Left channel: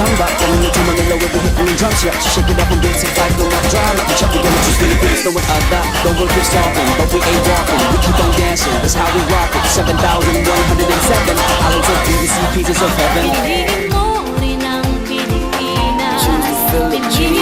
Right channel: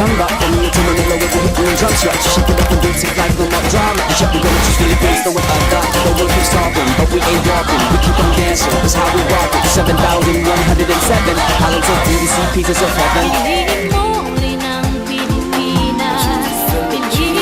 samba. Coming into Manila, we'll be hitting the drums. Yeah, shake it up and dance it like no more drama. And check, we gonna choose Philippines, throwing other. The world keeps talking, but we ain't walking. We keep on dancing, that's how we rock it. 7,107 islands of beauty, pieces of heaven. Piliin mo rin ang Pilipinas. Choose the Philippines.